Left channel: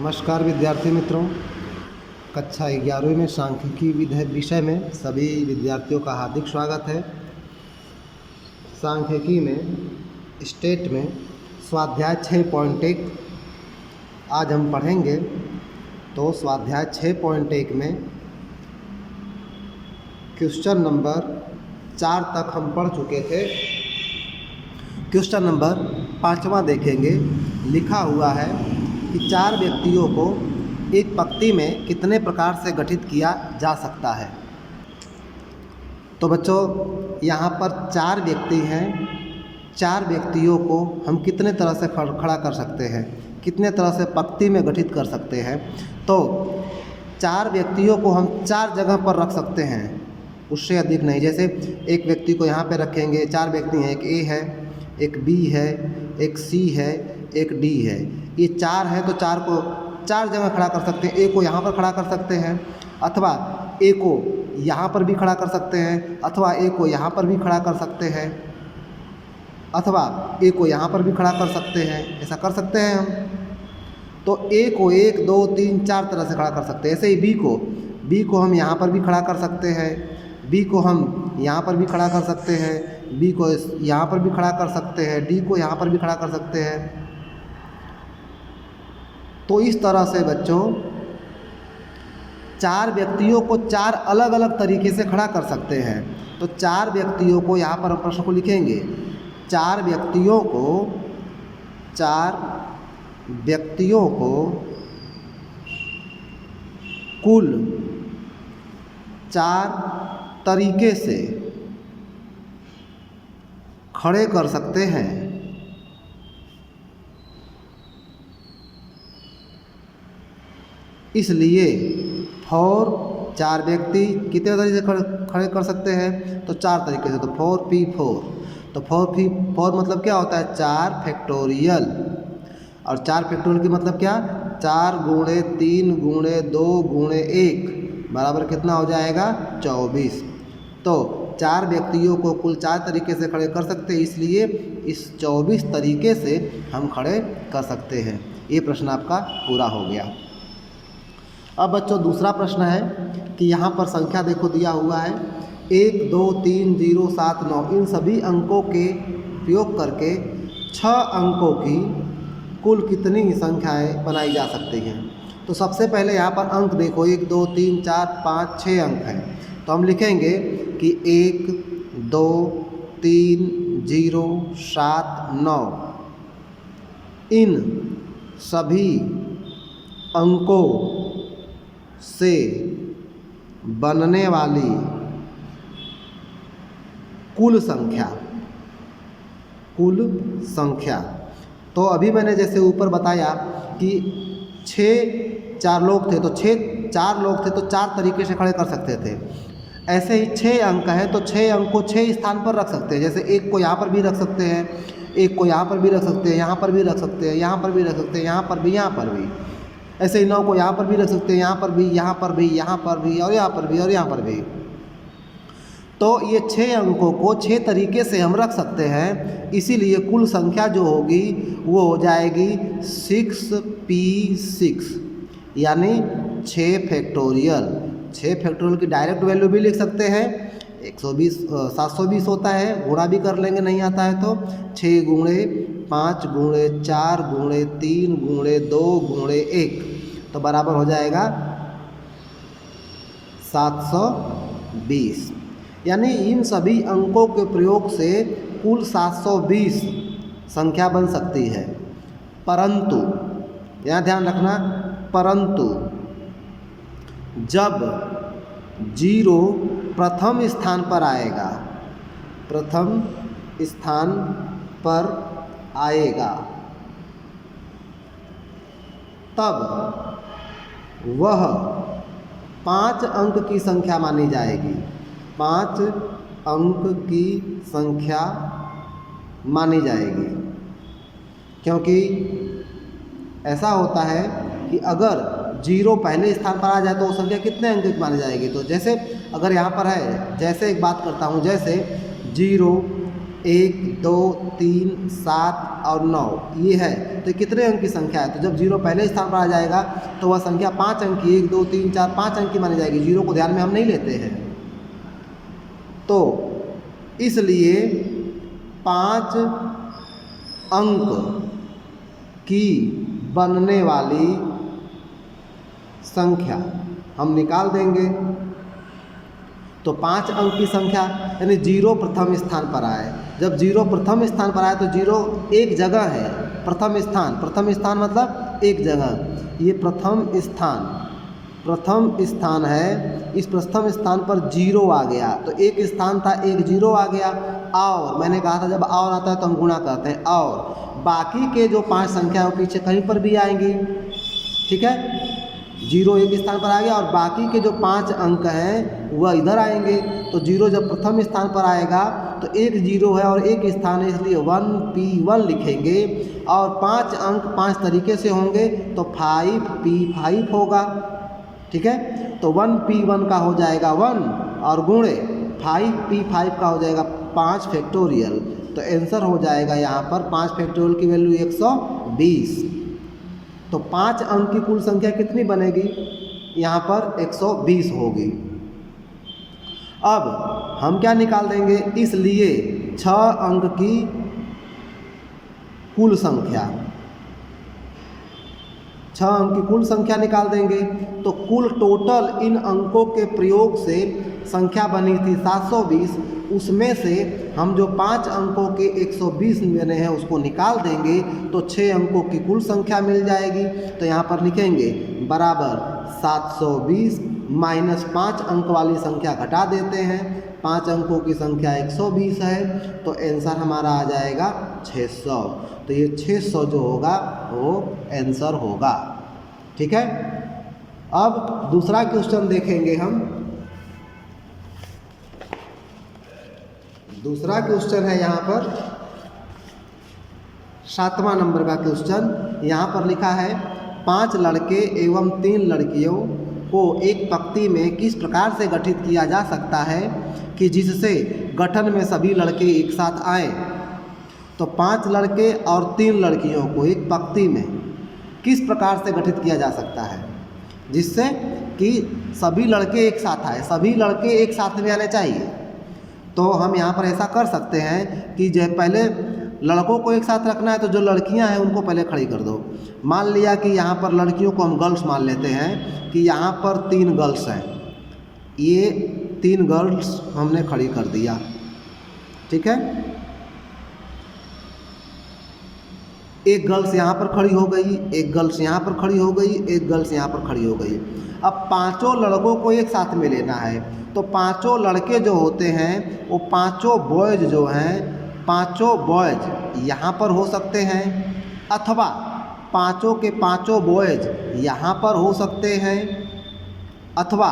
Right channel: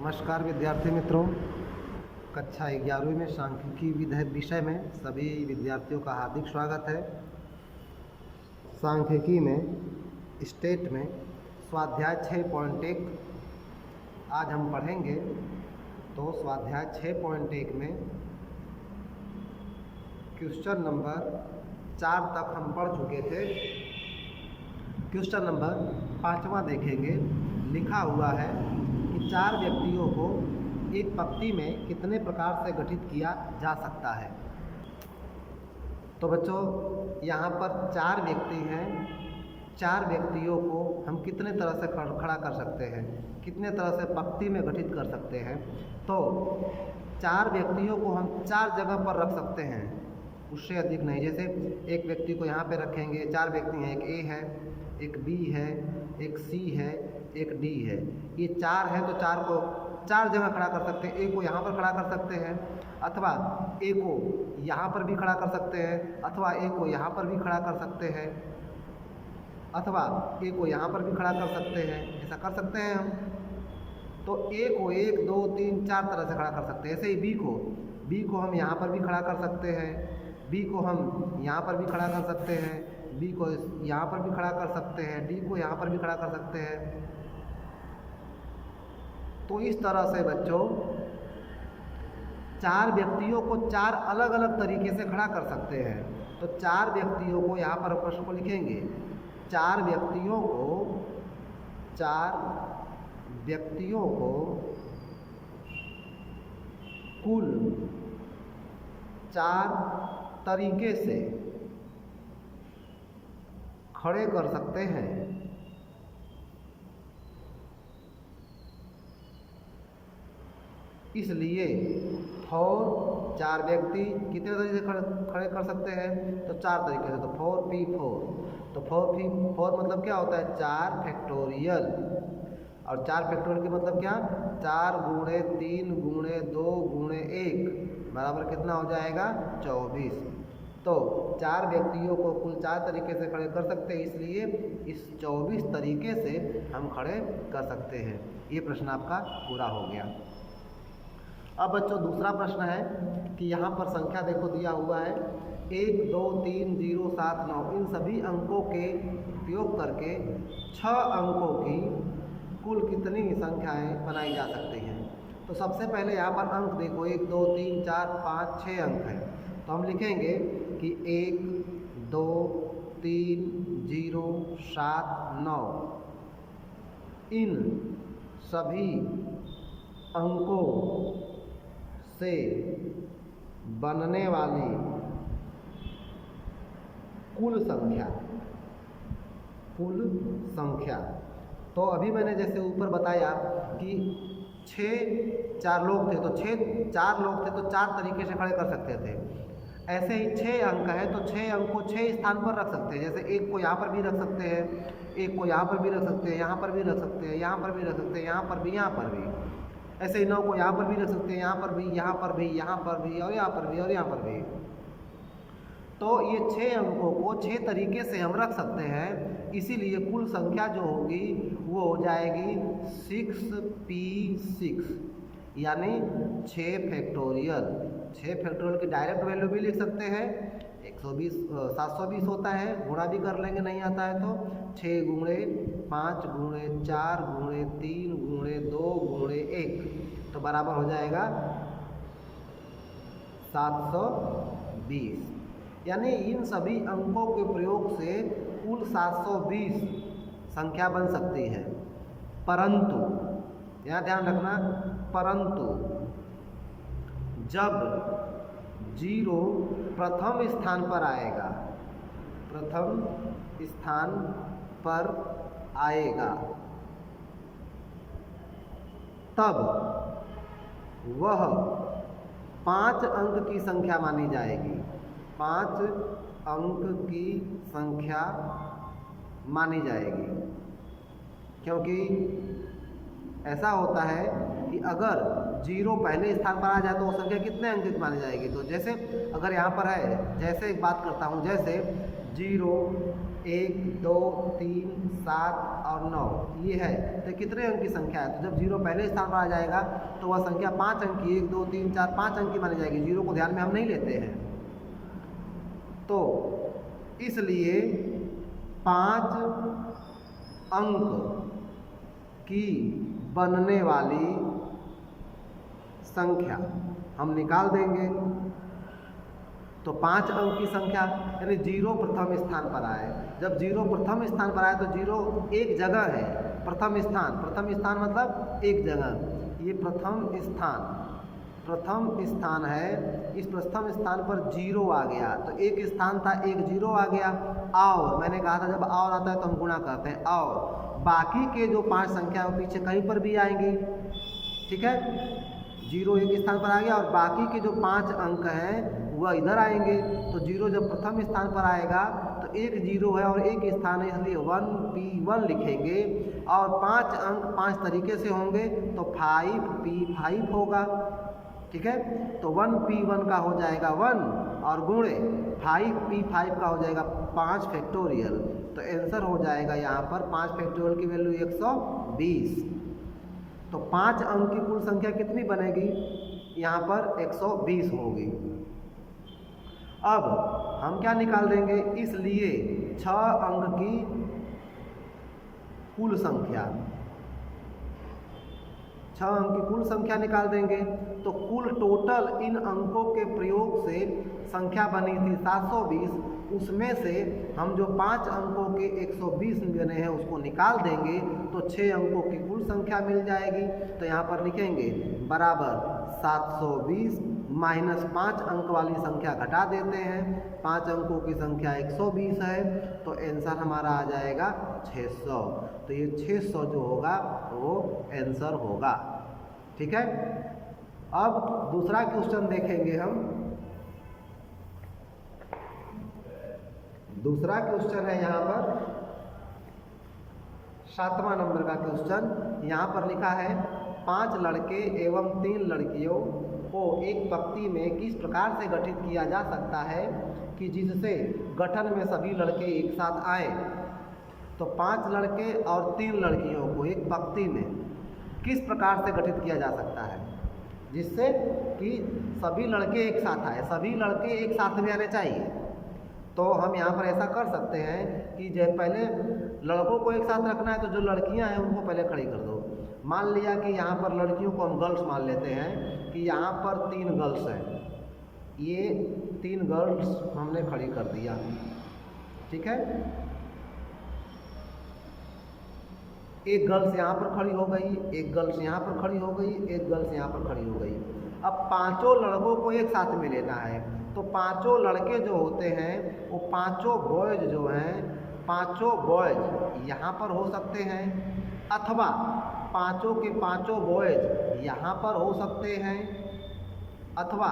नमस्कार विद्यार्थी मित्रों, कक्षा 11वीं में सांख्यिकी विषय में सभी विद्यार्थियों का हार्दिक स्वागत है। सांख्यिकी में स्टेट में स्वाध्याय 6.1 आज हम पढ़ेंगे। तो स्वाध्याय 6.1 में क्वेश्चन नंबर 4 तक हम पढ़ चुके थे। क्वेश्चन नंबर 5वां देखेंगे। लिखा हुआ है कि 4 व्यक्तियों को एक पंक्ति में कितने प्रकार से गठित किया जा सकता है। तो बच्चों, यहाँ पर 4 व्यक्ति हैं। 4 व्यक्तियों को हम कितने तरह से खड़ा कर सकते हैं, कितने तरह से पंक्ति में गठित कर सकते हैं। तो 4 व्यक्तियों को हम 4 जगह पर रख सकते हैं, उससे अधिक नहीं। जैसे एक व्यक्ति को यहाँ पे रखेंगे, 4 व्यक्ति हैं, एक ए है, एक बी है, एक सी है, एक डी है। ये 4 है तो 4 को 4 जगह खड़ा कर सकते हैं। ए को यहाँ पर खड़ा कर सकते हैं, अथवा ए को यहाँ पर भी खड़ा कर सकते हैं, अथवा ए को यहाँ पर भी खड़ा कर सकते हैं, अथवा ए को यहाँ पर भी खड़ा कर सकते हैं। ऐसा कर सकते हैं हम। तो ए को 1 2 3 4 तरह से खड़ा कर सकते हैं। ऐसे ही बी को हम यहाँ पर भी खड़ा कर सकते हैं, बी को हम यहाँ पर भी खड़ा कर सकते हैं, बी को यहाँ पर भी खड़ा कर सकते हैं, डी को यहाँ पर भी खड़ा कर सकते हैं। तो इस तरह से बच्चों 4 व्यक्तियों को 4 अलग अलग तरीके से खड़ा कर सकते हैं। तो 4 व्यक्तियों को यहाँ पर हम प्रश्न को लिखेंगे। 4 व्यक्तियों को कुल 4 तरीके से खड़े कर सकते हैं। इसलिए फॉर 4 व्यक्ति कितने तरीके से खड़े कर सकते हैं, तो 4 तरीके से। तो 4P4, तो 4P4 मतलब क्या होता है, 4 फैक्टोरियल। और 4 फैक्टोरियल की मतलब क्या, 4 गुणे 3 गुणे 2 गुणे 1 बराबर कितना हो जाएगा, 24। तो 4 व्यक्तियों को कुल 4 तरीके से खड़े कर सकते हैं, इसलिए इस 24 तरीके से हम खड़े कर सकते हैं। ये प्रश्न आपका पूरा हो गया। अब बच्चों दूसरा प्रश्न है कि यहाँ पर संख्या देखो दिया हुआ है 1 2 3 0 7 9। इन सभी अंकों के प्रयोग करके 6 अंकों की कुल कितनी संख्याएं बनाई जा सकती हैं। तो सबसे पहले यहाँ पर अंक देखो, 1 2 3 4 5 6 अंक हैं। तो हम लिखेंगे कि 1 2 3 0 7 9। इन सभी अंकों से बनने वाली कुल संख्या। तो अभी मैंने जैसे ऊपर बताया कि 4 लोग थे, तो 4 लोग थे तो 4 तरीके से खड़े कर सकते थे। ऐसे ही 6 अंक हैं तो 6 अंक को 6 स्थान पर रख सकते हैं। जैसे 1 को यहाँ पर भी रख सकते हैं, 1 को यहाँ पर भी रख सकते हैं, यहाँ पर भी रख सकते हैं, यहाँ पर भी रख सकते हैं, यहाँ पर भी, यहाँ पर भी। ऐसे ही 9 को यहाँ पर भी रख सकते हैं, यहाँ पर भी, यहाँ पर भी, यहाँ पर भी, और यहाँ पर भी, और यहाँ पर भी। तो ये 6 अंकों को 6 तरीके से हम रख सकते हैं। इसीलिए कुल संख्या जो होगी वो हो जाएगी 6P6, यानी 6 फैक्टोरियल। 6 फैक्टोरियल की डायरेक्ट वैल्यू भी लिख सकते हैं। 720 होता है, गुणा भी कर लेंगे, नहीं आता है तो 6 गुणे 5 गुणे 4 गुणे 3 गुणे 2 गुणे 1, तो बराबर हो जाएगा 720। यानी इन सभी अंकों के प्रयोग से कुल 720 संख्या बन सकती है। परंतु यहाँ ध्यान रखना, परंतु जब 0 प्रथम स्थान पर आएगा, प्रथम स्थान पर आएगा, तब वह 5 अंक की संख्या मानी जाएगी। 5 अंक की संख्या मानी जाएगी, क्योंकि ऐसा होता है कि अगर 0 पहले स्थान पर आ जाए तो वो संख्या कितने अंक की मानी जाएगी। तो जैसे अगर यहाँ पर है, जैसे एक बात करता हूँ, जैसे 0 1, 2, 3, 7 और 9 ये है। तो कितने अंक की संख्या है? तो जब जीरो पहले स्थान पर आ जाएगा तो वह संख्या 5 अंक की, 1, 2, 3, 4, 5 अंक की मानी जाएगी। जीरो को ध्यान में हम नहीं लेते हैं। तो इसलिए 5 अंक की बनने वाली संख्या हम निकाल देंगे। तो 5 अंक की संख्या यानी जीरो प्रथम स्थान पर आए। जब जीरो प्रथम स्थान पर आए तो जीरो एक जगह है, प्रथम स्थान मतलब एक जगह। ये प्रथम स्थान है। इस प्रथम स्थान पर जीरो आ गया तो एक स्थान था, एक जीरो आ गया। और मैंने कहा था जब और आता है तो हम गुणा करते हैं, और बाकी के जो 5 संख्या है वो पीछे कहीं पर भी आएंगी। ठीक है, जीरो एक स्थान पर आ गया और बाकी के जो 5 अंक हैं वह इधर आएंगे। तो जीरो जब प्रथम स्थान पर आएगा तो एक जीरो है और एक स्थान है, इसलिए 1P1 लिखेंगे। और 5 अंक 5 तरीके से होंगे तो 5P5 होगा। ठीक है, तो 1P1 का हो जाएगा 1 और गुणे 5P5 का हो जाएगा 5 फैक्टोरियल। तो आंसर हो जाएगा यहाँ पर 5 फैक्टोरियल की वैल्यू 120। तो 5 अंक की कुल संख्या कितनी बनेगी? यहाँ पर 120 होगी। अब हम क्या निकाल देंगे? इसलिए 6 अंक की कुल संख्या, 6 अंक की कुल संख्या निकाल देंगे। तो कुल टोटल इन अंकों के प्रयोग से संख्या बनी थी 720। उसमें से हम जो 5 अंकों के 120 बने हैं उसको निकाल देंगे तो 6 अंकों की कुल संख्या मिल जाएगी। तो यहाँ पर लिखेंगे बराबर 720 माइनस 5 अंक वाली संख्या घटा देते हैं। 5 अंकों की संख्या 120 है तो आंसर हमारा आ जाएगा 600। तो ये 600 जो होगा वो आंसर होगा। ठीक है, अब दूसरा क्वेश्चन देखेंगे हम। दूसरा क्वेश्चन है यहाँ पर 7वां नंबर का क्वेश्चन। यहाँ पर लिखा है 5 लड़के एवं 3 लड़कियों को एक पंक्ति में किस प्रकार से गठित किया जा सकता है कि जिससे गठन में सभी लड़के एक साथ आएँ। तो 5 लड़के और 3 लड़कियों को एक पंक्ति में किस प्रकार से गठित किया जा सकता है जिससे कि सभी लड़के एक साथ आए, सभी लड़के एक साथ में आने चाहिए। तो हम यहाँ पर ऐसा कर सकते हैं कि जो पहले लड़कों को एक साथ रखना है तो जो लड़कियाँ हैं उनको पहले खड़ी कर दो। मान लिया कि यहाँ पर लड़कियों को हम गर्ल्स मान लेते हैं कि यहाँ पर 3 गर्ल्स हैं, ये 3 गर्ल्स हमने खड़ी कर दिया। ठीक है, एक गर्ल्स यहाँ पर खड़ी हो गई, एक गर्ल्स यहाँ पर खड़ी हो गई, एक गर्ल्स यहाँ पर खड़ी हो गई। अब 5 लड़कों को एक साथ में लेना है तो 5 लड़के जो होते हैं वो 5 बॉयज़ जो हैं, 5 बॉयज़ यहाँ पर हो सकते हैं अथवा 5 के 5 बॉयज़ यहाँ पर हो सकते हैं अथवा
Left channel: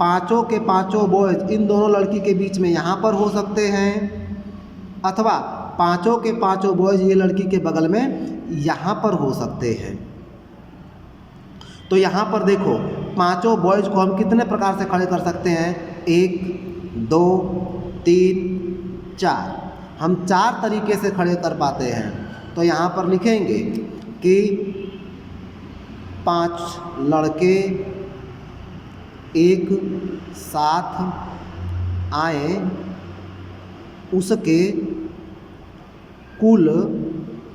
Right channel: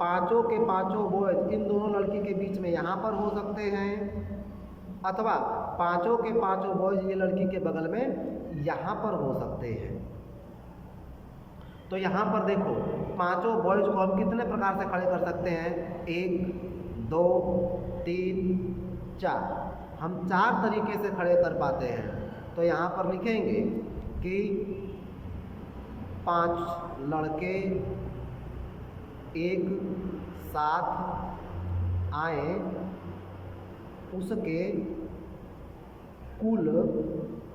5 के 5 बॉयज़ इन दोनों लड़की के बीच में यहाँ पर हो सकते हैं अथवा 5 के 5 बॉयज़ ये लड़की के बगल में यहाँ पर हो सकते हैं। तो यहाँ पर देखो 5 बॉयज़ को हम कितने प्रकार से खड़े कर सकते हैं? 1, 2, 3, 4। हम 4 तरीके से खड़े कर पाते हैं। तो यहाँ पर लिखेंगे कि 5 लड़के एक साथ आए उसके कुल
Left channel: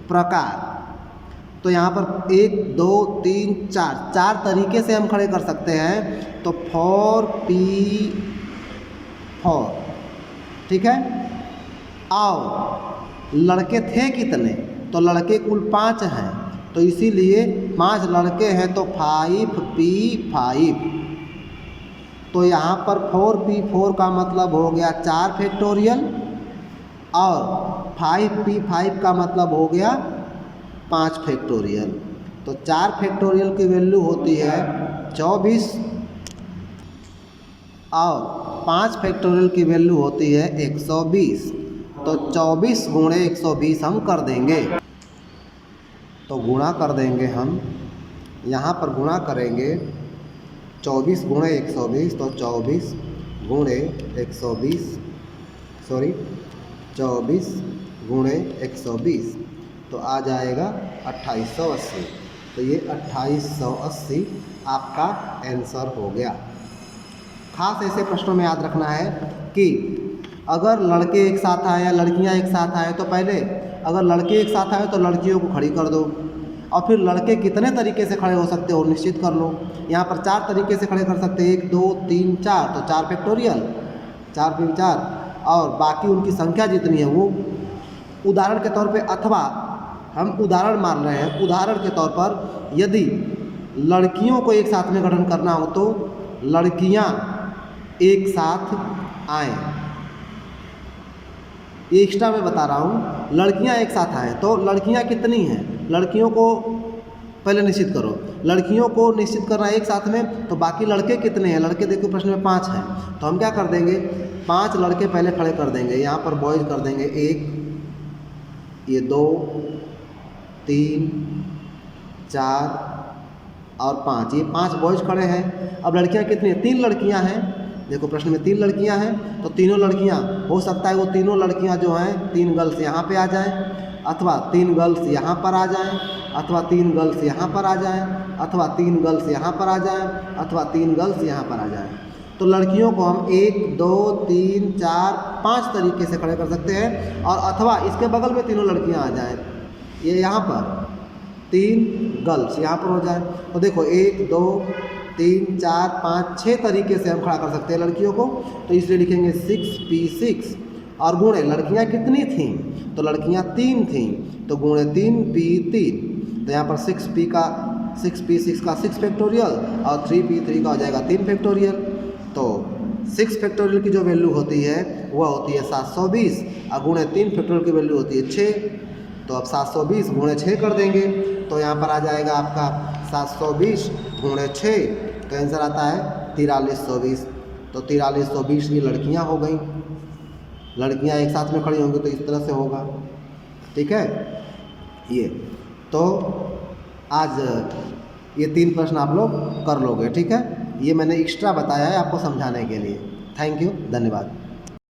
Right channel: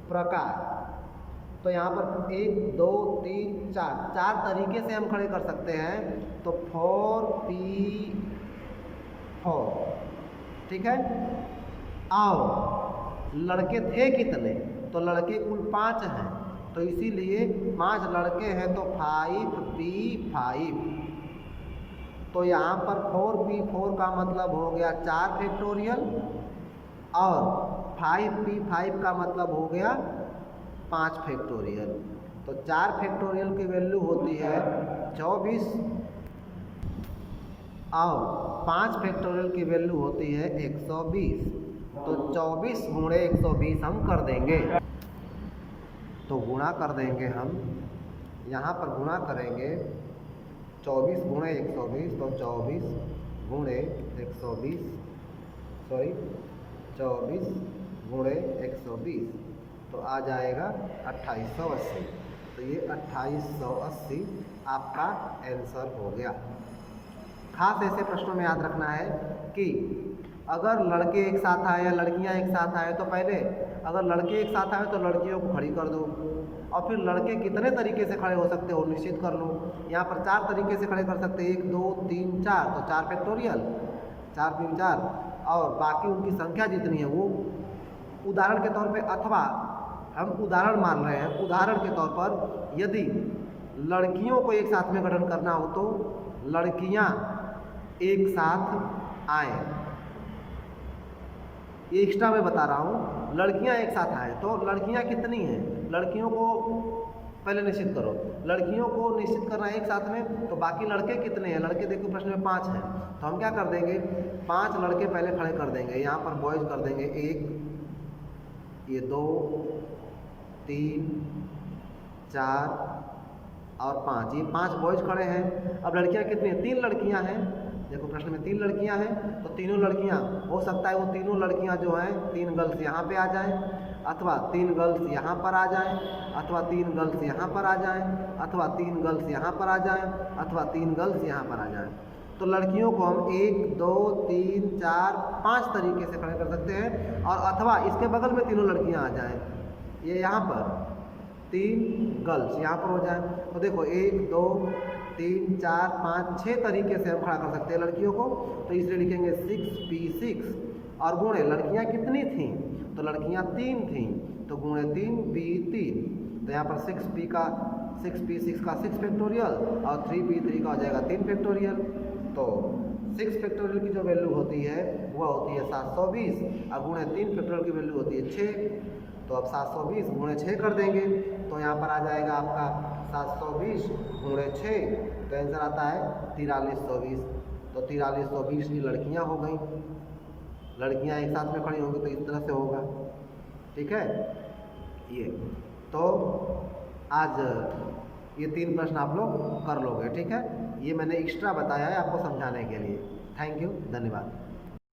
प्रकार। तो यहाँ पर 1, 2, 3, 4 तरीके से हम खड़े कर सकते हैं। तो 4P4। ठीक है, और लड़के थे कितने? तो लड़के कुल 5 हैं तो इसीलिए 5 लड़के हैं तो 5P5। तो यहाँ पर 4P4 का मतलब हो गया 4 फैक्टोरियल और 5P5 का मतलब हो गया 5 फैक्टोरियल। तो 4 फैक्टोरियल की वैल्यू होती है 24 और 5 फैक्टोरियल की वैल्यू होती है 120। तो 24 गुणे 120 हम कर देंगे। तो गुणा कर देंगे हम, यहाँ पर गुणा करेंगे 24 गुणे 120। तो 24 गुणे 120 24 गुणे 120 तो आ जाएगा 2880। तो ये 2880 आपका आंसर हो गया। खास ऐसे प्रश्नों में याद रखना है कि अगर लड़के एक साथ आए या लड़कियां एक साथ आए तो पहले अगर लड़के एक साथ आए तो लड़कियों को खड़ी कर दो, और फिर लड़के कितने तरीके से खड़े हो सकते हो निश्चित कर लो। यहाँ पर 4 तरीके से खड़े कर सकते हैं, 1 2 3 4, तो 4 फैक्टोरियल, 4 3 4, और बाकी उनकी संख्या जितनी है वो उदाहरण के तौर पे, अथवा हम उदाहरण मान रहे हैं, उदाहरण के तौर पर यदि लड़कियों को एक साथ में गठन करना हो तो लड़कियां एक साथ आए। ये एक्स्ट्रा मैं बता रहा हूँ, लड़कियां एक साथ आए तो लड़कियां कितनी हैं, लड़कियों को पहले निश्चित करो। लड़कियों को निश्चित करना एक साथ में, तो बाकी लड़के कितने हैं, लड़के देखो प्रश्न में 5 हैं, तो हम क्या कर देंगे 5 लड़के पहले खड़े कर देंगे। यहाँ पर बॉयज़ कर देंगे 1, ये 2 3 4 और 5, ये 5 बॉयज़ खड़े हैं। अब लड़कियां कितनी हैं, 3 लड़कियां हैं, देखो प्रश्न में 3 लड़कियां हैं, तो तीनों लड़कियां हो सकता है वो तीनों लड़कियां जो हैं 3 गर्ल्स यहाँ पे आ जाएं, अथवा 3 गर्ल्स यहाँ पर आ जाएं, अथवा 3 गर्ल्स यहाँ पर आ जाएं, अथवा 3 गर्ल्स यहाँ पर आ जाएं, अथवा 3 गर्ल्स यहाँ पर आ जाएं। तो लड़कियों को हम 1 2 3 4 5 तरीके से खड़े कर सकते हैं, और अथवा इसके बगल में तीनों लड़कियाँ आ जाएँ, ये यहाँ पर 3 गर्ल्स यहाँ पर हो जाए। तो देखो 1 2 3 4 5 6 तरीके से हम खड़ा कर सकते हैं लड़कियों को, तो इसलिए लिखेंगे 6p6, और गुणे लड़कियां कितनी थीं, तो लड़कियां 3 थीं, तो गुणे 3p3, तो यहाँ पर 6p का 6p6 का 6 फैक्टोरियल और 3p3 का हो जाएगा 3 फैक्टोरियल। तो 6 फैक्टोरियल की जो वैल्यू होती है वह होती है 720, और गुणे 3 फैक्टोरियल की वैल्यू होती है 6। तो अब 720 गुणे 6 कर देंगे, तो यहाँ पर आ जाएगा आपका 720 गुणे 6, तो आंसर आता है 4320। तो 4320 की लड़कियाँ हो गई, लड़कियाँ एक साथ में खड़ी होंगी तो इस तरह से होगा, ठीक है। ये तो आज ये 3 प्रश्न आप लोग कर लोगे, ठीक है। ये मैंने एक्स्ट्रा बताया है आपको समझाने के लिए। थैंक यू, धन्यवाद।